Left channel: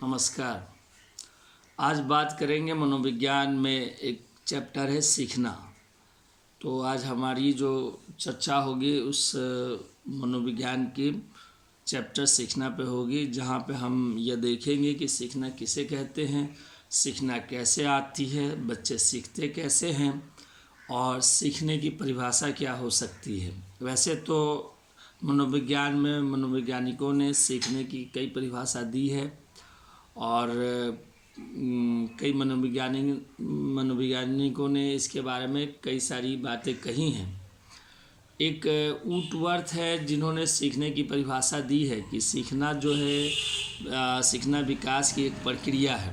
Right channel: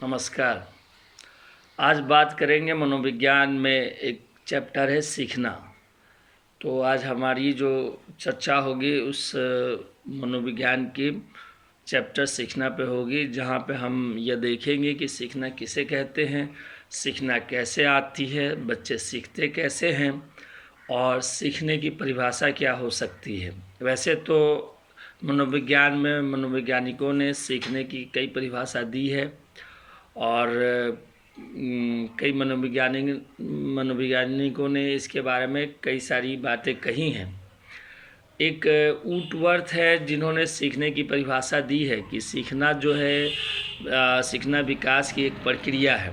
नमस्कार। आज बात करेंगे मनोविज्ञान में एक चैप्टर है सीखना। तो आज हमारी जो चर्चा होगी उस मनोविज्ञान की चैप्टर सीखना पे होगी, जहाँ पे हम यह देखेंगे कि सीखना किसे कहते हैं, सीखना कैसे आती है, बच्चे सीखते कैसे हैं और सीखने की परिभाषा क्या हो सकती है। वैसे तो मनोविज्ञान में मनोवैज्ञानिकों ने सीखने की कई परिभाषा दी है और कई मनोवैज्ञानिकों ने इसके बारे में कई सारी बातें कही हैं। एक ऊटवर्थ है जिन्होंने सीखने की परिभाषा दी है कि सीखना जो है सीखना विकास की एक प्रक्रिया है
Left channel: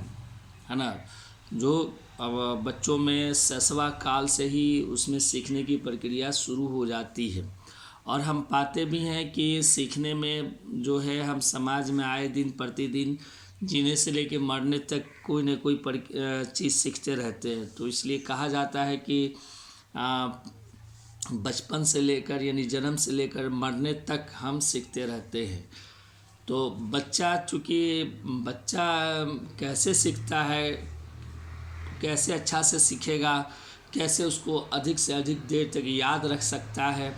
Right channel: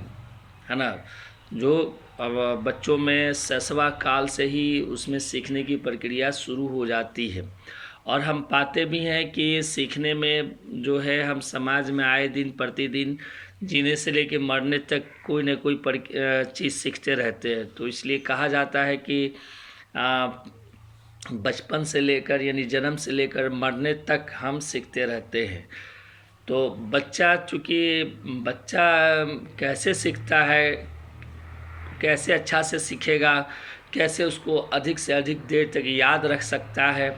ना। जो अब बच्चों में शैशवा काल से ही उसमें सीखने की प्रक्रिया शुरू हो जाती है और हम पाते भी हैं कि सीखने में जो है हम समाज में आए दिन प्रतिदिन जीने से लेकर मरने तक कोई ना कोई चीज़ सीखते रहते हैं। तो इसलिए कहा जाता है कि बचपन से लेकर यानी जन्म से लेकर मरने तक हम सीखते रहते हैं। तो चूँकि बच्चा कैसे सीखता है, कैसे अच्छा से सीखेगा, कैसे उसको अधिक से अधिक देर तक याद रख सकता है,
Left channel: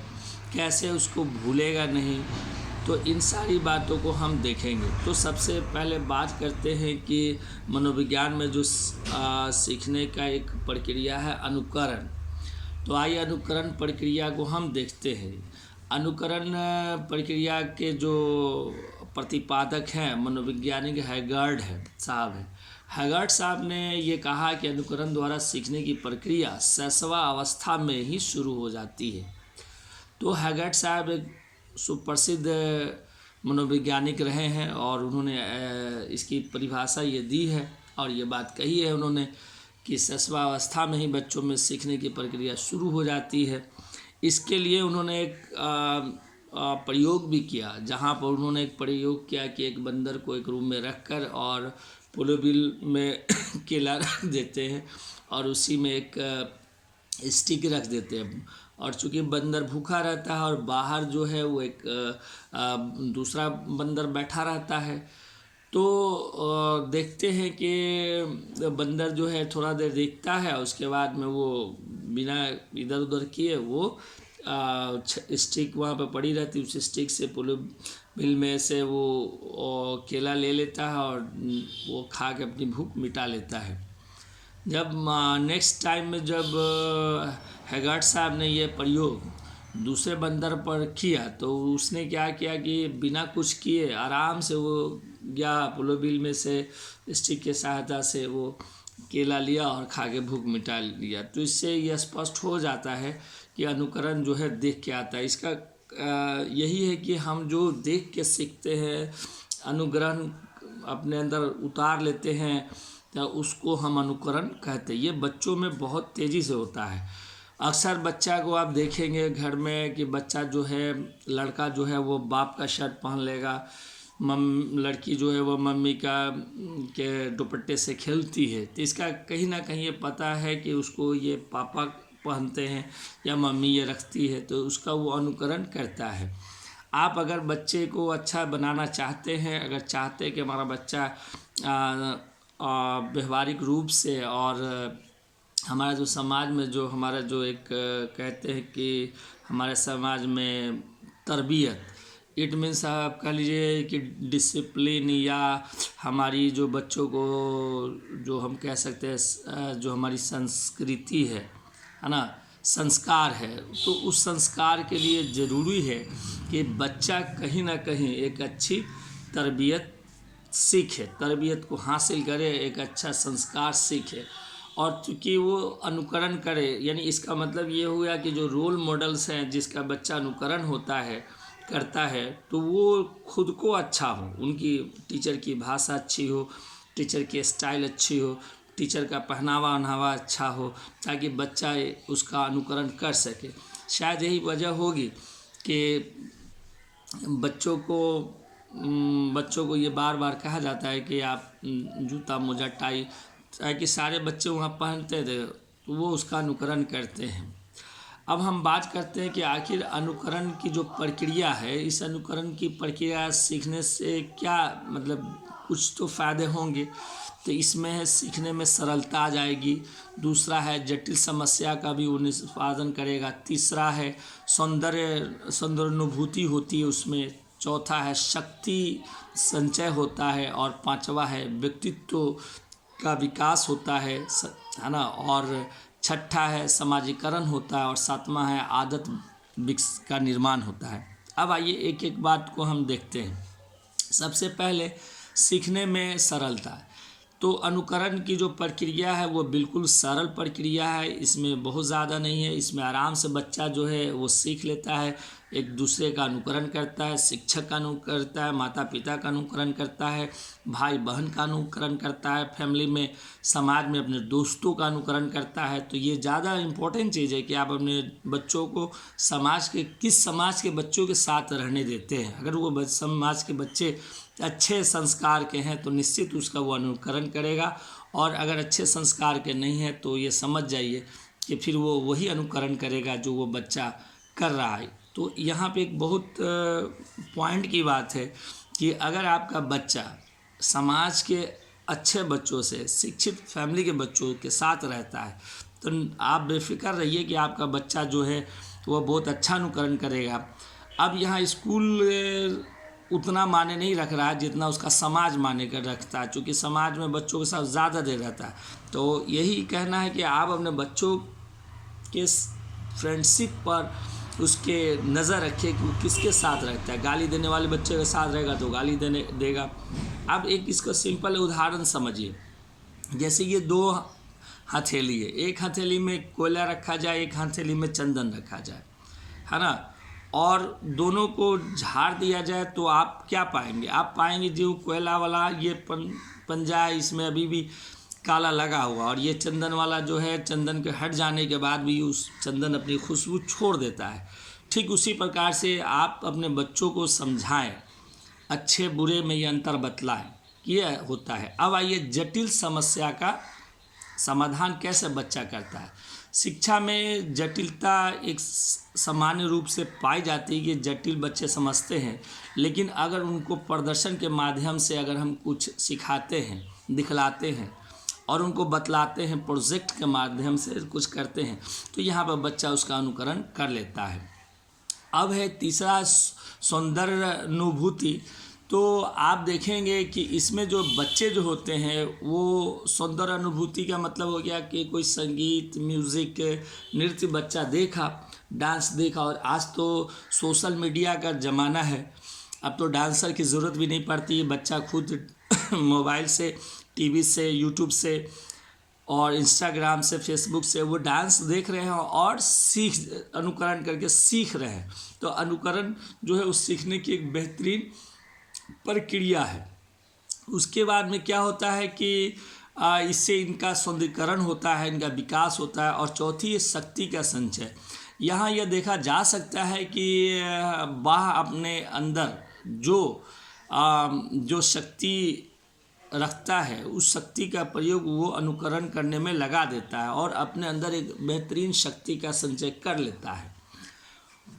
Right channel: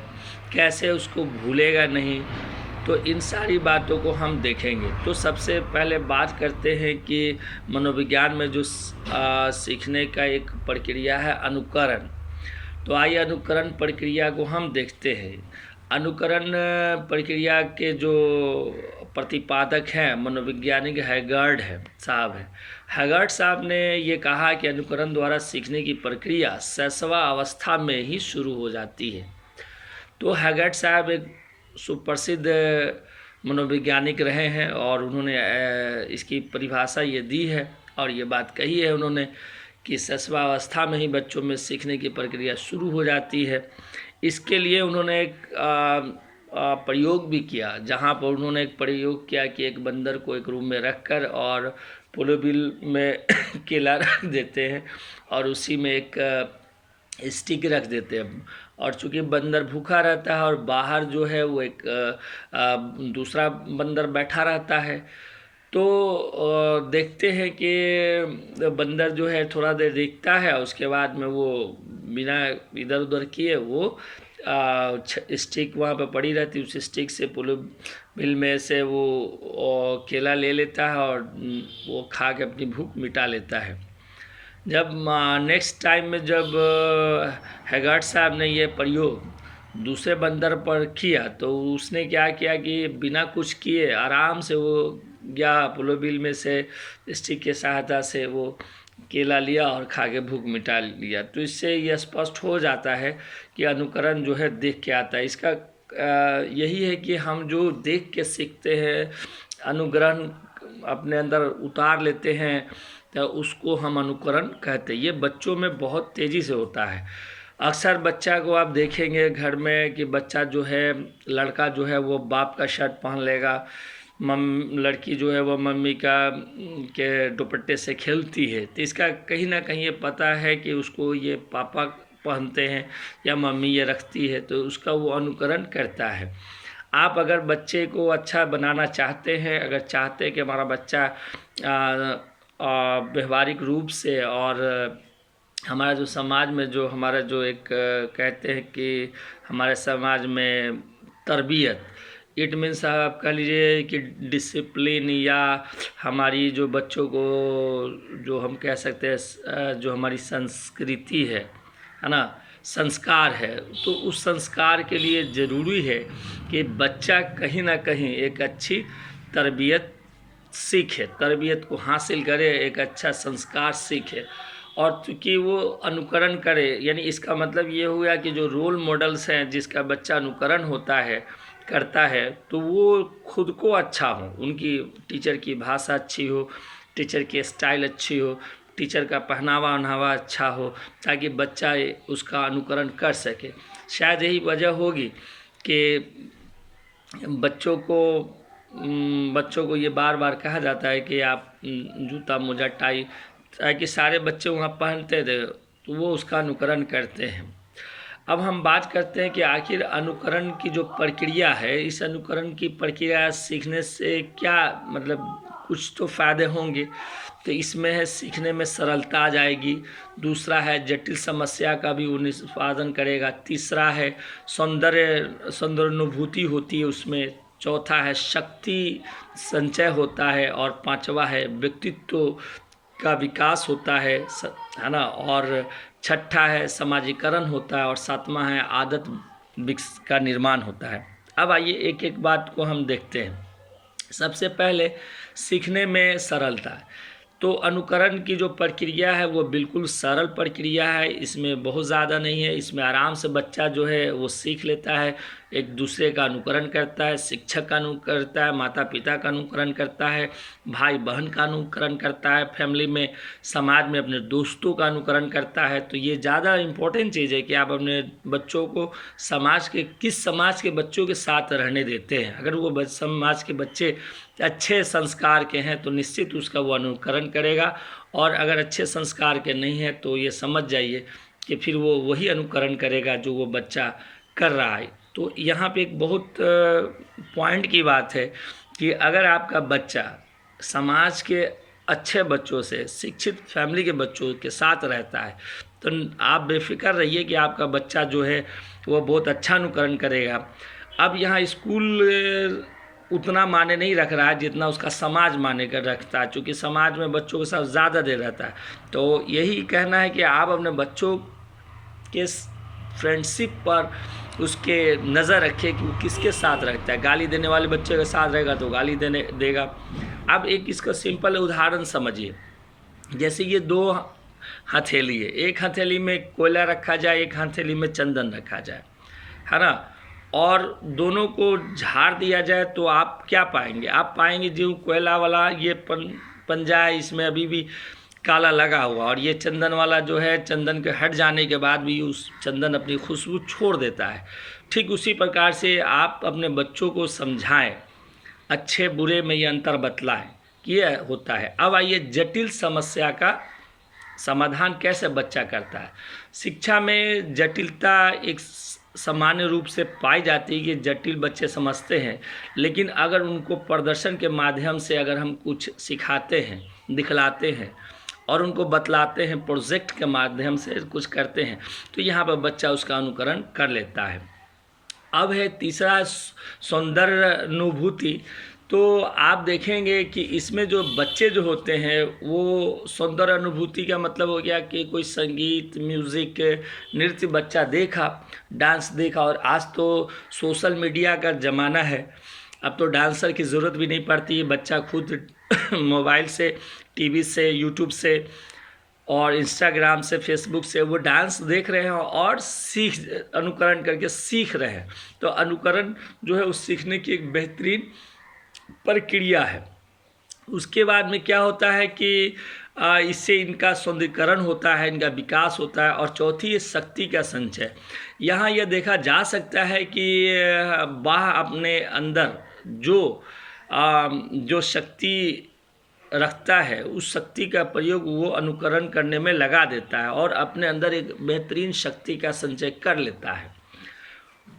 कैसे उसको भूलेगा नहीं, तो इन सारी बातों को हम देखेंगे। तो सबसे पहले बात करते हैं कि मनोविज्ञान में जो सीखने का एक प्रक्रिया है अनुकरण। तो आइए अनुकरण प्रक्रिया को हम देखते हैं। अनुकरण प्रक्रिया के जो प्रतिपादक हैं मनोवैज्ञानिक हैगार्ड साहब ने ये कहा कि अनुकरण द्वारा सीखने की प्रक्रिया शैशवा अवस्था में ही शुरू हो जाती है। तो हैगार्ड साहब एक सुप्रसिद्ध मनोवैज्ञानिक रहे हैं और उन्होंने इसकी परिभाषा ये दी है और ये बात कही है उन्होंने कि शैशवा अवस्था में ही बच्चों में सीखने की प्रक्रिया शुरू हो जाती है। इसके लिए उन्होंने एक प्रयोग भी किया, जहाँ पर उन्होंने एक प्रयोग किया कि एक बंदर को एक रूम में रखकर और पोलोबिल में केला रख देते हैं और उसी में एक स्टिक रख देते हैं और चूँकि बंदर भूखा रहता है और बाहर जो है वो एक दूसरा बंदर बैठा रहता है। तो देखते हैं कि बंदर जो है थोड़ा देर देखता है और उसके बाद में वो बिना इधर उधर किए वो स्टिक वहाँ पे पड़ी रहती है, उस स्टिक से पोलोबिल में से वो केला ले लेता है और वो खा के अपनी भूख मिटा लेता है। जब नेक्स्ट टाइम में जब हैगार्ड साहब ने ये प्रयोग दूसरे बंदर पर किया तो उसने क्या किया कि बिना कुछ किए आराम से वो गया पोलोबिल में से स्टिक के सहायता से वो केला लिया और खा के भूख मिटा लिया। तो इससे यह स्पष्ट हो जाता है कि अनुकरण जो है देख के आता है। इसका यही है कि हम जो देख के सीखते हैं, अनुग्रहण अपने अंदर उतार लेते हैं, तो उसको हम अनुकरण कहते हैं। ये बच्चों में बहुत तेज़ी से होता है। अक्सर बच्चा को आप देखेंगे घर में कि बच्चा जो है लड़का जो है वो बाप का शर्ट पहन लेगा, लड़की जो है वो मम्मी के दुपट्टे से खेलती है। तो इसका कहीं ना कहीं ये पता है कि उसको ये पापा पहनते हैं या मम्मी ये रखती है, तो उसका वो अनुकरण करता है। आप अगर बच्चे को अच्छा बनाना चाहते हैं, अगर चाहते हैं कि हमारा बच्चा व्यवहारिक रूप से और हमारा जो समाज में जो हमारा जो एक कहते हैं कि हमारे समाज में तरबियत, इट मीन्स आप कह लीजिए कि डिसिप्लिन, या हमारी जो बच्चों को जो हम कह सकते हैं जो हमारी संस्कृति है ना, संस्कार है, तो उस संस्कार के लिए ज़रूरी है कि बच्चा कहीं ना कहीं एक अच्छी तरबियत सीखे, तरबियत को हासिल करे, एक अच्छा संस्कार सीखे और चूँकि वो अनुकरण करे। यानी इसका मतलब ये हुआ कि जो रोल मॉडल्स हैं जिसका बच्चा अनुकरण होता है करता है, तो वो खुद को अच्छा हो, उनकी टीचर की भाषा अच्छी हो, टीचर की स्टाइल अच्छी हो, टीचर का पहनावा ओढ़ावा अच्छा हो, ताकि बच्चा उसका अनुकरण कर सके। शायद यही वजह होगी कि बच्चों को ये बार बार कहा जाता है कि आप जूता मोजा टाई, ताकि सारे बच्चे वहाँ पहनते थे तो वो उसका अनुकरण करते हैं। अब हम बात करते हैं कि आखिर अनुकरण की जो प्रक्रिया है, इस अनुकरण की प्रक्रिया सीखने से क्या मतलब कुछ तो फ़ायदे होंगे। तो इसमें है सीखने में सरलता आ जाएगी। दूसरा है जटिल समस्या का भी वो निष्पादन करेगा। तीसरा है सौंदर्यानुभूति होती है उसमें। चौथा है शक्ति संचय होता है। और पांचवा है व्यक्तित्व का विकास होता है ना। और छठा है समाजीकरण होता है। और सातवां है आदत का निर्माण होता है। अब आइए एक एक बात को हम देखते हैं। सबसे पहले सीखने में सरलता। तो अनुकरण की जो प्रक्रिया है वो बिल्कुल सरल प्रक्रिया है, इसमें बहुत ज़्यादा नहीं है। इसमें आराम से बच्चा जो है वो सीख लेता है, एक दूसरे का अनुकरण करता है, शिक्षक का अनुकरण करता है, माता पिता का अनुकरण करता है, भाई बहन का अनुकरण करता है, फैमिली में समाज में अपने दोस्तों का अनुकरण करता है। तो ये ज़्यादा इम्पोर्टेंट चीज़ है कि आप अपने बच्चों को किस समाज के बच्चों के साथ रहने देते हैं। अगर वो समाज के बच्चे अच्छे संस्कार के हैं तो निश्चित उसका वो अनुकरण करेगा, और अगर अच्छे संस्कार के नहीं हैं तो ये समझ जाइए कि फिर वो वही अनुकरण करेगा जो वो बच्चा कर रहा है। तो यहाँ पे एक बहुत पॉइंट की बात है कि अगर आपका बच्चा समाज के अच्छे बच्चों से, शिक्षित फैमिली के बच्चों के साथ रहता है, तो आप बेफिक्र रहिए कि आपका बच्चा जो है वो बहुत अच्छा अनुकरण करेगा। अब यहाँ स्कूल उतना माने नहीं रख रहा है जितना उसका समाज माने कर रखता है, क्योंकि समाज में बच्चों के साथ ज़्यादा देर रहता है। तो यही कहना है कि आप अपने बच्चों के फ्रेंडशिप पर उसके नज़र रखिए कि वो किसके साथ रहता है। गाली देने वाले बच्चे के साथ रहेगा तो गाली देगा। अब एक इसका सिंपल उदाहरण समझिए। जैसे ये दो हथेली है, एक हथेली में कोयला रखा जाए, एक हथेली में चंदन रखा जाए, है ना, और दोनों को झाड़ दिया जाए तो आप क्या पाएंगे? आप पाएंगे जो कोयला वाला ये पंजा है, इसमें अभी भी काला लगा हुआ, और ये चंदन वाला जो है, चंदन के हट जाने के बाद भी उस चंदन अपनी खुशबू छोड़ देता है। ठीक उसी प्रकार से आप अपने बच्चों को समझाएं, अच्छे बुरे में ये अंतर बतलाएं कि ये होता है। अब आइए जटिल समस्या का समाधान कैसे बच्चा करता है। शिक्षा में जटिलता एक सामान्य रूप से पाई जाती है कि जटिल बच्चे समझते हैं, लेकिन अगर उनको प्रदर्शन के माध्यम से अगर हम कुछ सिखाते हैं, दिखलाते हैं और उनको बतलाते हैं, प्रोजेक्ट के माध्यम से कुछ करते हैं, तो यहाँ पर बच्चा उसका अनुकरण कर लेता है। अब है तीसरा सौंदर्यानुभूति। तो आप देखेंगे कि इसमें जो बच्चे जो होते हैं वो सौंदर्य अनुभूति का मतलब हो गया कि कोई संगीत, म्यूज़िक, नृत्य बच्चा देखा, डांस देखा। और आज तो सोशल मीडिया का ज़माना है, अब तो डांसर की ज़रूरत भी नहीं पड़ती। बच्चा खुद मोबाइल से, टीवी से, यूट्यूब से और इंस्टाग्राम से, फेसबुक से वो डांस देख रहे हैं और अनुकरण करके सीख रहे हैं। तो अनुकरण जो है उस सीखने की एक बेहतरीन प्रक्रिया है। उसके बाद में क्या होता है कि इससे इनका सौंदर्यीकरण होता है, इनका विकास होता है। और चौथी है शक्ति का संचय। यहाँ यह देखा जा सकता है कि वह अपने अंदर जो शक्ति रखता है, उस शक्ति का प्रयोग वो अनुकरण करने में लगा देता है और अपने अंदर एक बेहतरीन शक्ति का संचय कर लेता है।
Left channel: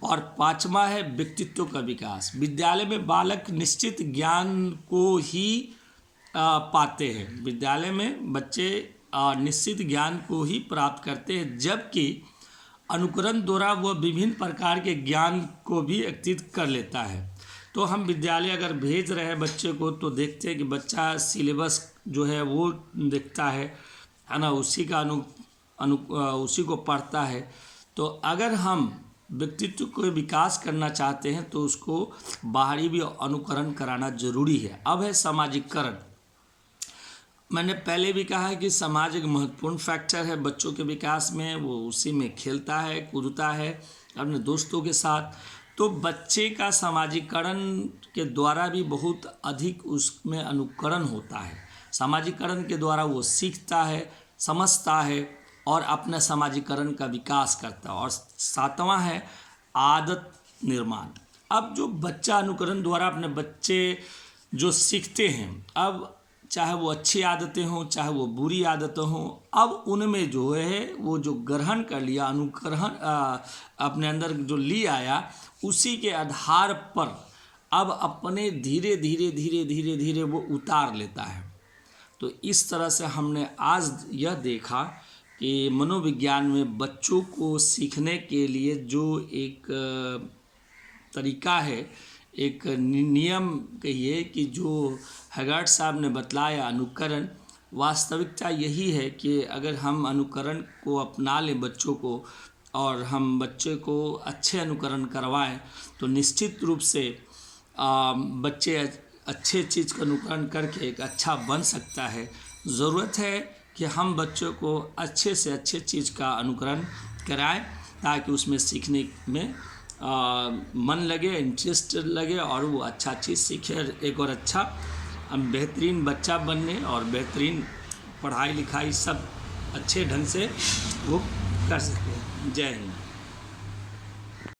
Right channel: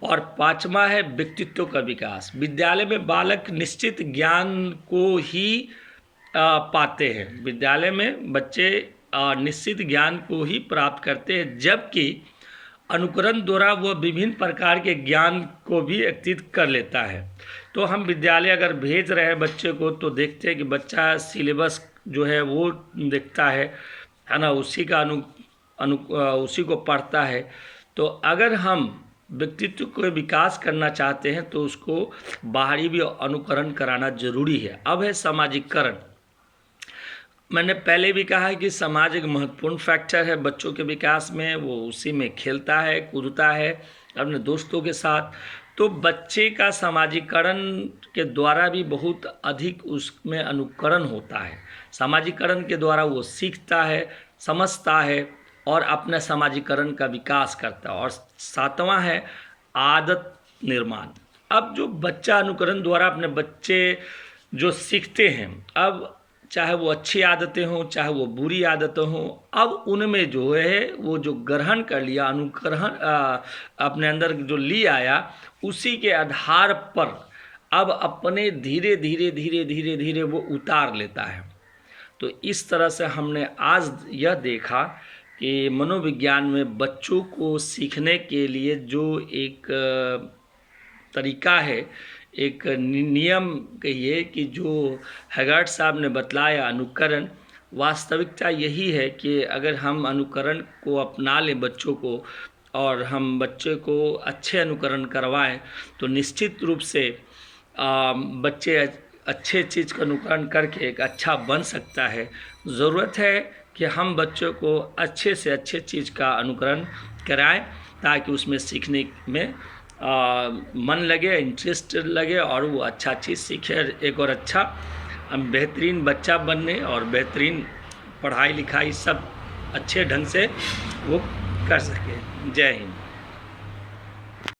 और पांचवा है व्यक्तित्व का विकास। विद्यालय में बालक निश्चित ज्ञान को ही पाते हैं। विद्यालय में बच्चे निश्चित ज्ञान को ही प्राप्त करते हैं, जबकि अनुकरण द्वारा वह विभिन्न प्रकार के ज्ञान को भी एकत्रित कर लेता है। तो हम विद्यालय अगर भेज रहे हैं बच्चे को तो देखते हैं कि बच्चा सिलेबस जो है वो देखता है ना, उसी का उसी को पढ़ता है। तो अगर हम व्यक्तित्व को विकास करना चाहते हैं तो उसको बाहरी भी अनुकरण कराना जरूरी है। अब है सामाजिकरण। मैंने पहले भी कहा है कि समाज एक महत्वपूर्ण फैक्टर है बच्चों के विकास में। वो उसी में खेलता है, कूदता है अपने दोस्तों के साथ। तो बच्चे का सामाजिकरण के द्वारा भी बहुत अधिक उसमें अनुकरण होता है। सामाजिकरण के द्वारा वो सीखता है, समझता है और अपने सामाजिकरण का विकास करता है। और सातवां है आदत निर्माण। अब जो बच्चा अनुकरण द्वारा अपने बच्चे जो सीखते हैं, अब चाहे वो अच्छी आदतें हों चाहे वो बुरी आदतें हों, अब उनमें जो है वो जो ग्रहण कर लिया, अनुकरण अपने अंदर जो ले आया, उसी के आधार पर अब अपने धीरे धीरे धीरे धीरे धीरे वो उतार लेता है। तो इस तरह से हमने आज यह देखा कि मनोविज्ञान में बच्चों को सीखने के लिए जो एक तरीका है, एक नियम कहिए कि जो हैगार्ड साहब ने बतलाया, अनुकरण, वास्तविकता यही है कि अगर हम अनुकरण को अपना लें बच्चों को, और हम बच्चे को अच्छे अनुकरण करवाएं, तो निश्चित रूप से बच्चे अच्छे चीज़ का अनुकरण करके एक अच्छा बन सकता है। ज़रूरत है कि हम बच्चों को अच्छे से अच्छे चीज़ का अनुकरण कराएं, ताकि उसमें सीखने में मन लगे, इंटरेस्ट लगे, और वो अच्छा चीज़ सीखे, एक और अच्छा बेहतरीन बच्चा बनने और बेहतरीन पढ़ाई लिखाई सब अच्छे ढंग से वो कर सके। जय हिंद।